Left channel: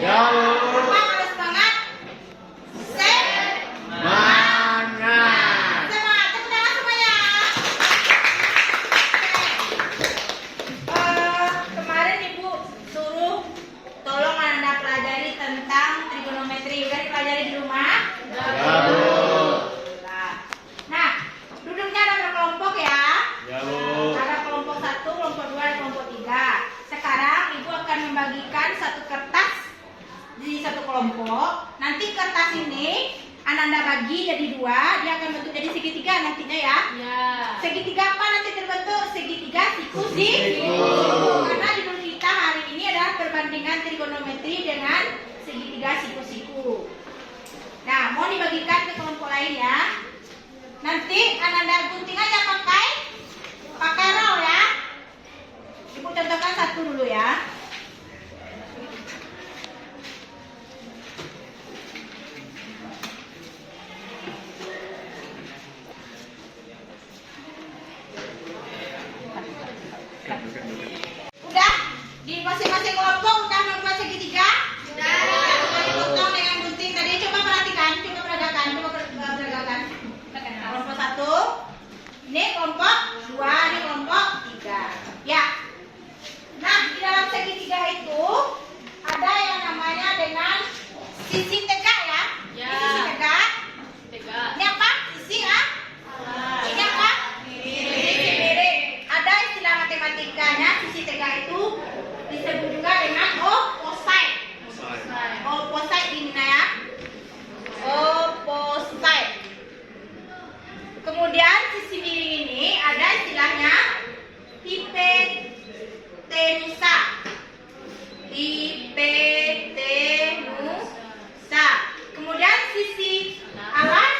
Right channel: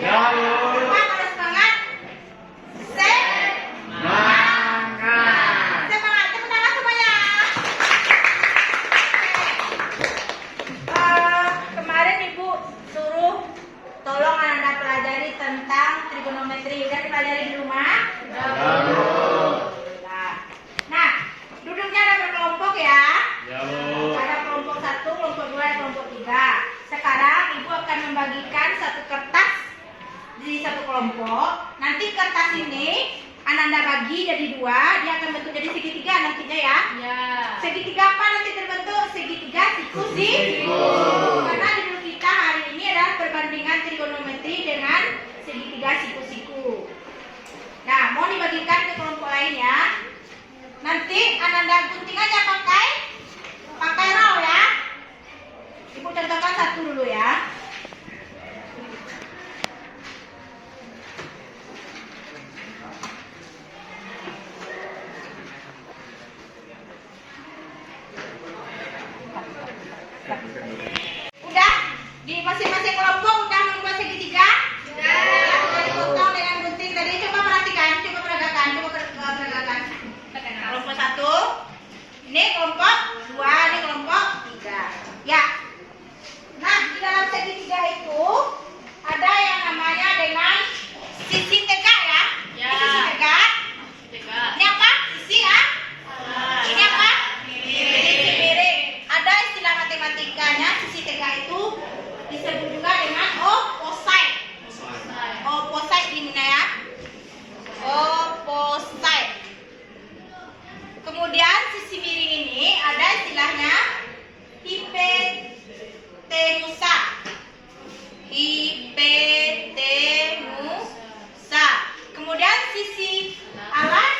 Ya, Bu. Semangat, ada semangat. Semangat. Semangat, tepuk tangan semuanya. Kemarin Ibu suruh tolong Anda pelajari tentang trigonometri. Udah dipelajari di rumah? Ya, Bu. Nah, duduknya ada berkelompok ya. Ya, Bu. Ada kelompok 1, kelompok 2, dan kelompok 3. Sekarang Ibu akan membagikan satu kertas di satu kelompok. Nanti kertas ini Anda bagi jadi 2, dia akan bentuk jadi segitiga nantinya ya. Ya. Segitiga apa nanti terbentuk? Segitiga siku-siku. Karena judul kita hari ini adalah perbandingan trigonometri dengan segitiga siku-siku. Nah, mau dibagikan ke kelompok lain ya. Nanti Anda gunting aja pakai roll ya. Ibu contohkan satu dulu ya. Udah? Di masing-masing kelompok udah membuat segitiga? Sudah. Potong dengan gunting tadi. Coba perhatikan, coba peragakan. Kelompok 1. Ini kelompok 2, ini kelompok 3. Ya. Nah, di dalam segitiga itu ada yang namanya dengan sisi tegak ya. Ya. Ini sisi tegak. Ini apa? Sisi ya. Ini apa? Sisi miring. Ada istilah matematikanya, sisi tegak itu disebut juga dengan opposite. Opposite ini ya. Opposite. Kemudian sisi miring ini ada istilahnya hipotenusa. Hipotenusa. Kemudian sisi alas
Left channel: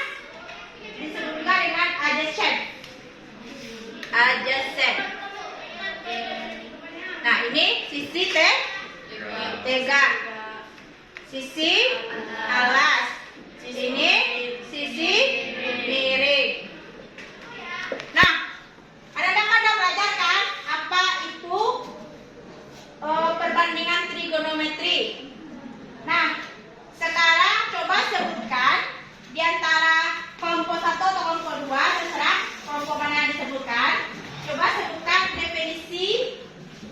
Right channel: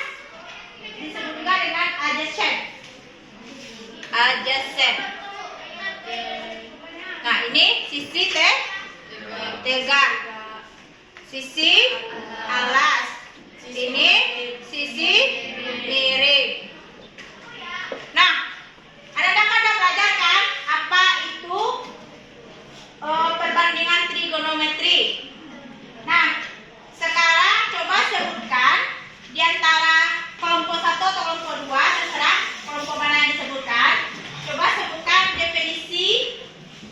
disebut juga dengan adjacent. Adjacent. Nah, ini sisi tegak. Sisi alas. Ini sisi miring. Nah, Anda belajar kan apa itu perbandingan trigonometri. Nah, sekarang coba sebutkan di antara kelompok 1 atau kelompok 2, terserah kelompok mana yang disebutkan. Coba sebutkan definisi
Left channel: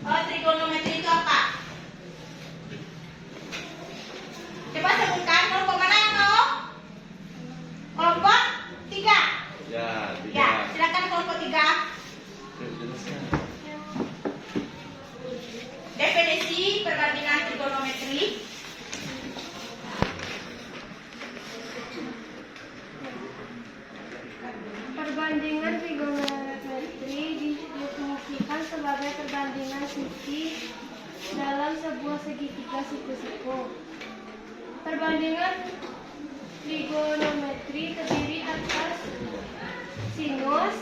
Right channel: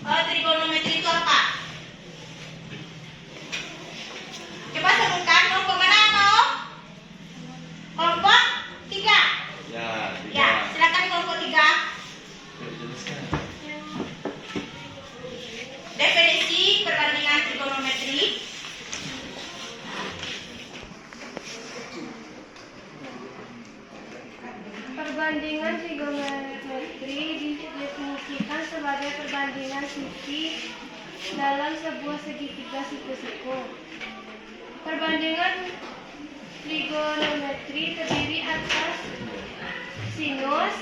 trigonometri itu apa? Coba sebutkan kelompok mana yang mau? Kelompok 3. Ya, silakan kelompok 3. Definisi perbandingan trigonometri. Perbandingan trigonometri didefinisikan sebagai perbandingan sisi dalam sebuah segitiga siku-siku. Perbandingan trigonometri terdiri atas sinus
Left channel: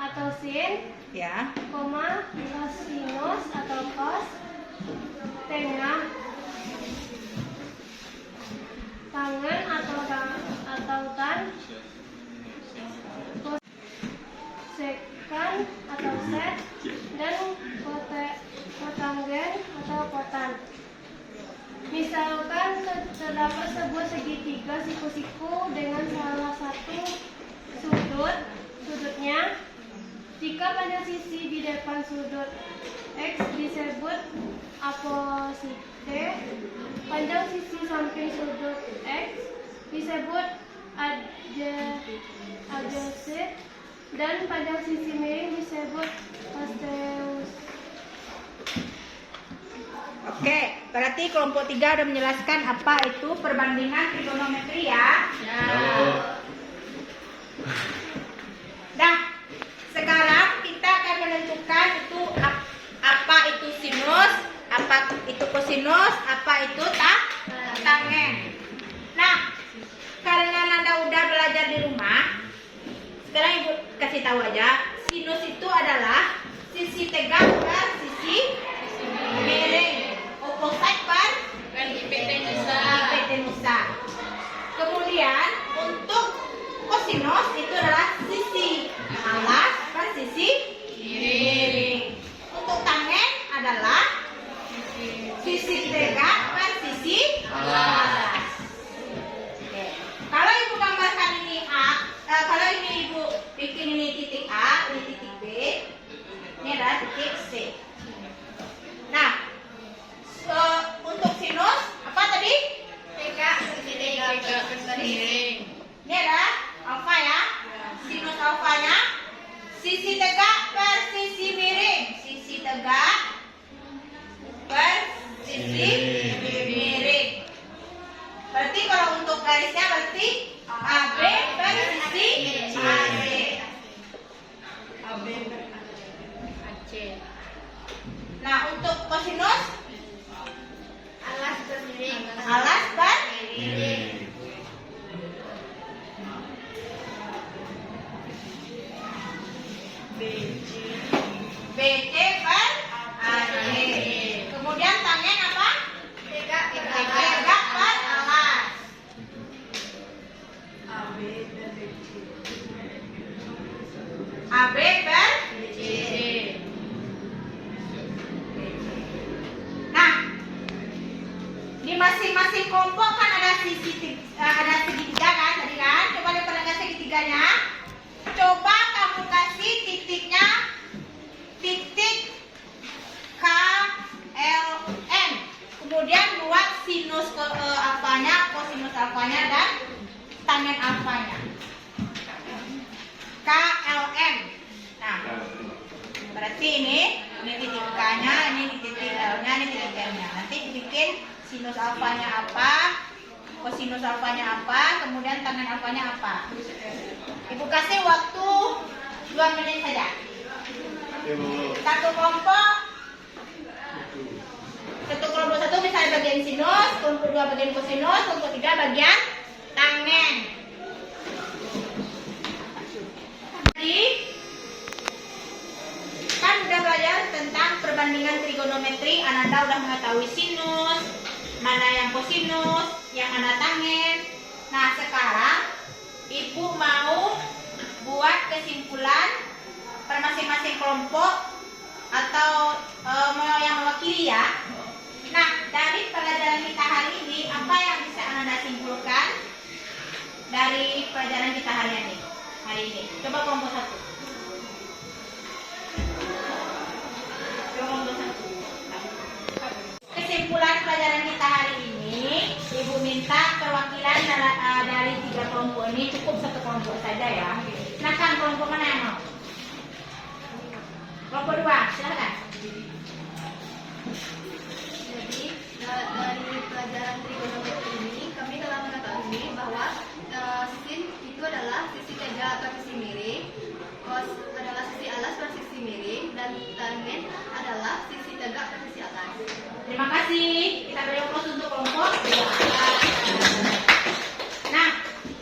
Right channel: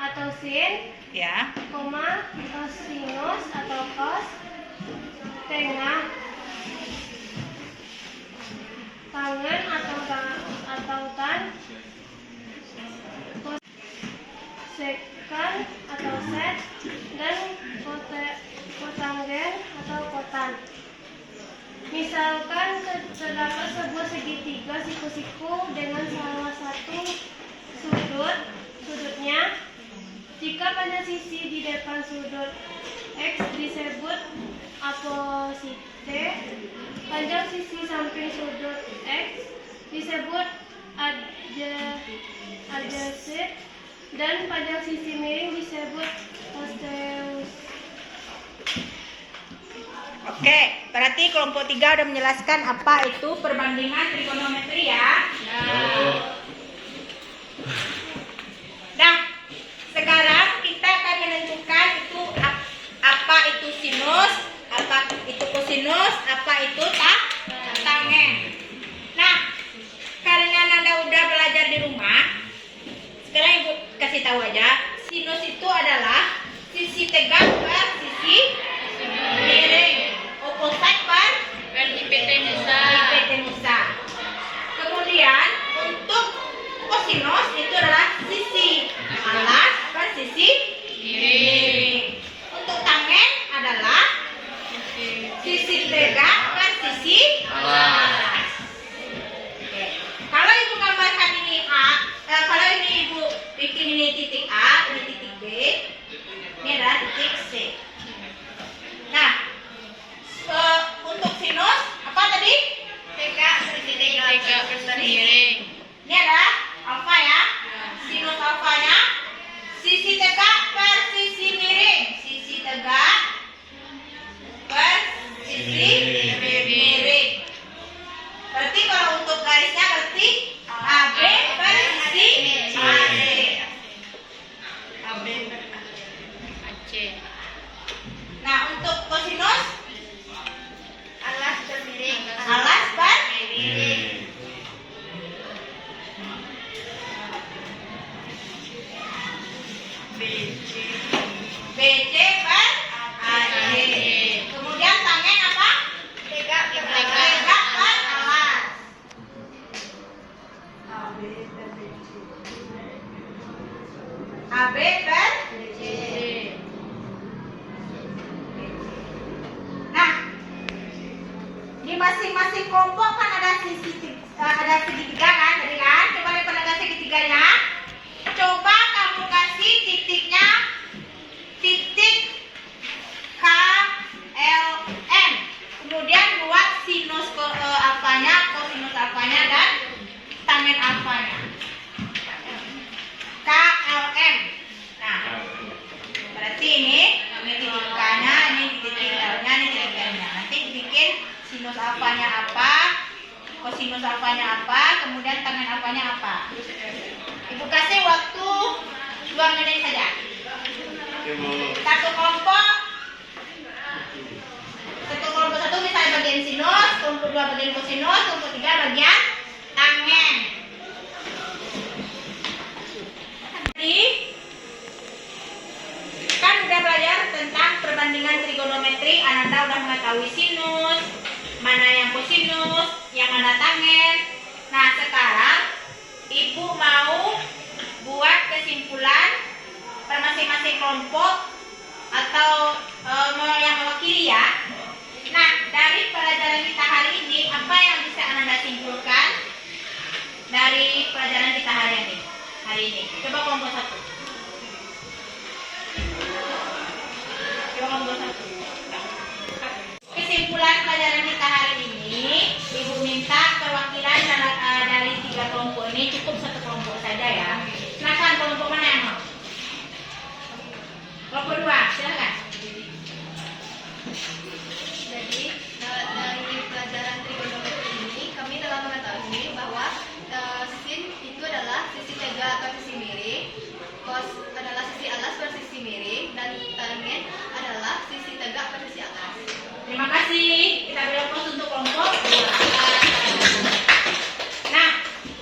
atau sin, Ya. koma, kosinus atau cos, tengah, tangen atau tan, kosekan atau sek, dan kotangen atau kotan. Misalkan terdapat sebuah segitiga siku-siku dengan salah satu sudutnya. Jika panjang sisi di depan sudut X disebut aposite, panjang sisi samping sudut X disebut adjacent, dan panjang sisi miring disebut costeus. Oke, berarti kelompok 3 udah menjelaskan apa itu perbandingan trigonometri ya. Nah, sekarang kita akan menentukan itu apa itu sinus, apa itu kosinus, apa itu tangen. Nah, karena Anda udah belajar di rumah, sekarang Ibu kasih tahu aja, sinus itu adalah sisi tegak per sisi miring. Opposite per hipotenusa. Kemudian untuk kosinus itu adalah sisi alas per sisi miring. Untuk tangen adalah sisi tegak per sisi posisi alas. Oke. Kalau ibu gambarkan ini A, kalau ini ibu bikin ini titik A, ini titik B, ini adalah titik C. Nah, untuk sinus apa tadi? Tegak miring. Ini adalah alfa ya. Sinus alfanya sisi tegak per sisi miring. Sisi tegak per sisi miring. Berarti kalau untuk garisnya berarti AB per sisi AC. AB per AC. Nah, untuk kosinus alas per miring. Alas per miring. BC per AC. Kemudian tangen apa? Tegak per alas. AB per BC. Nah, di masing-masing kelompok kan ada segitiga kan, tadi kan? Coba lihat penegak segitiganya. Coba kamu kasih titiknya titik KLN. Kemudian buat sinus alfanya, kosinus alfanya dan tangen alfanya. KLN. Nah, berarti ini titik K-nya, ini titik L-nya, ini titik N-nya. Nanti bikin sinus alfanya apa, kosinus alfanya apa, kemudian tangen alfanya apa. Ibu kasih waktu 2 menit saja. Satu kelompok satu misalnya bagian sinus, kelompok 2 bagian kosinus, kelompok 3 bagian tangen. Jadi kan udah belajar tentang perbandingan trigonometri. Ananda udah mengetahui sinus, mana yang kosinus, yang mana tangen. Nah, sekarang ibu mau buat kesimpulan per masing-masing kelompok atau yang mewakili ya. Nah, dari pelajaran kita hari ini, apa yang bisa Ananda simpulkan dari pelajaran kita hari ini? Coba kelompok 1. Kesimpulan pelajaran kita hari ini, ibu minta perwakilan dari 3 kelompok ini, cukup 1 kelompok saja ya. Silakan, kelompok mana yang mau? Kelompok 2, silakan. Jadi dari pelajaran trigonometri ini kami telah mengetahui bahwa sin itu adalah sisi tegak per sisi miring, cos adalah sisi alas per sisi miring, dan tangen adalah sisi tegak per sisi atas. Terima kasih. Kita beri pos untuk kelompok 2. Nah,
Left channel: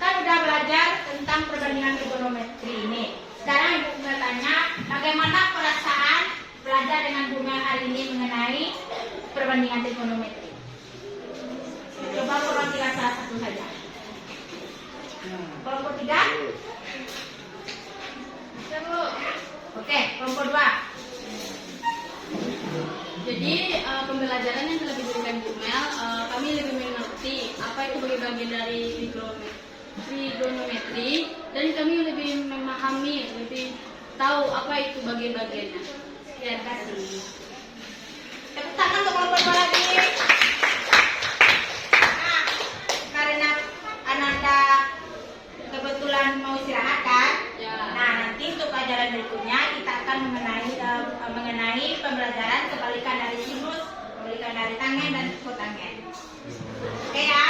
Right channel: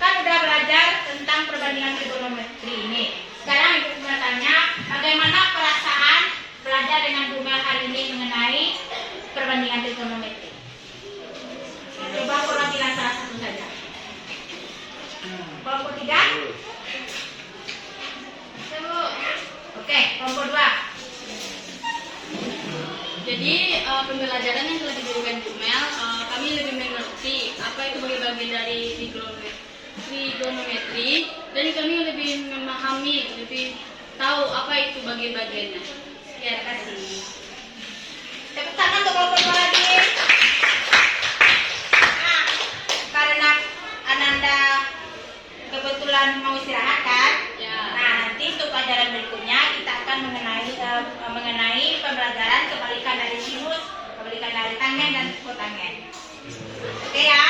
kan udah belajar tentang perbandingan trigonometri ini. Sekarang ibu bertanya, bagaimana perasaan belajar dengan Bu Mel hari ini mengenai perbandingan trigonometri? Coba perwakilan salah satu saja. Kelompok 3? Ya, Bu. Oke, kelompok 2. Jadi pembelajaran yang telah diberikan Bu Mel, kami lebih mengerti apa itu bagian dari trigonometri, dan kami lebih memahami, lebih tahu apa itu bagian-bagiannya. Terima kasih. Tepuk tangan untuk kelompok 2 lagi. Nah, karena Ananda kebetulan mau istirahat kan? Ya. Nah, nanti untuk pelajaran berikutnya kita akan mengenai pembelajaran kebalikan dari sinus, kebalikan dari tangen dan kotangen. Oke ya?